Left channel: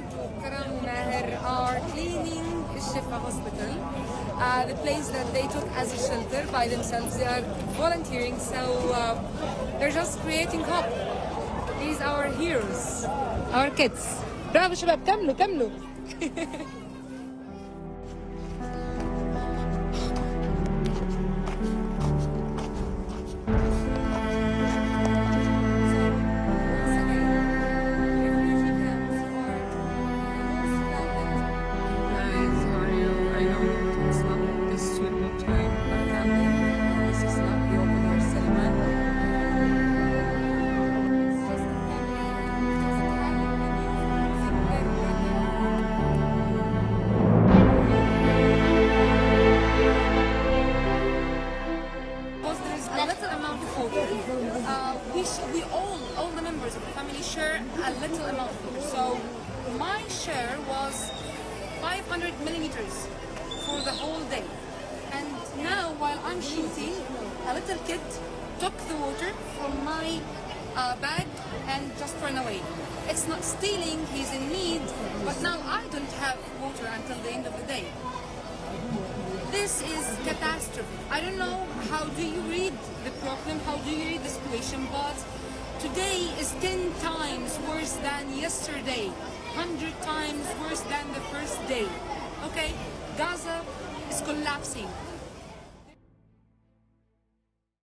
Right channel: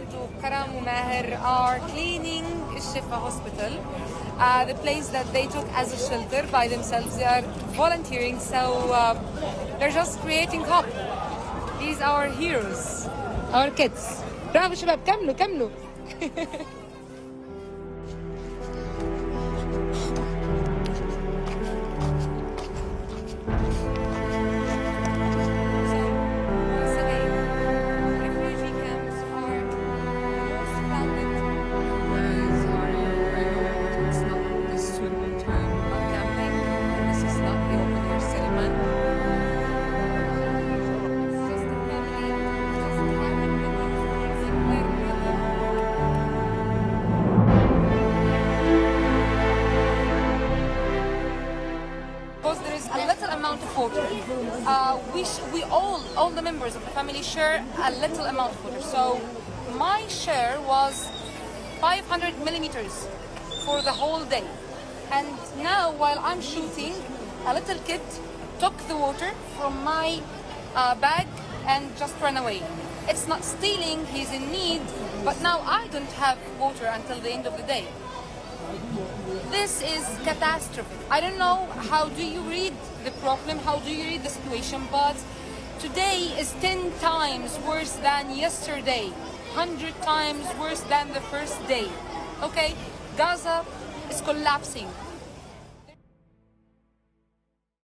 Ahmed, Karam and Maher are cleaning Shifa Hospital, the place that they took as a shelter by themselves. They are volunteering, so they're just creating hope. These are our heroes, our kids. Bravo shabab, كملوا. We all the members of the family share a little amount of water. So my share was 500 millimeters for the whole day. And now while I'm shooting, a little kid took the water from my bag and just ran away. It's not stealing, he's in need, but now I don't have water until the end of the day. This is catastrophic. I don't know how do you read the problem, how do you read the situation, but today is 10 times worse than yesterday, 100 times worse than the first day. Okay, Gaza is collapsing.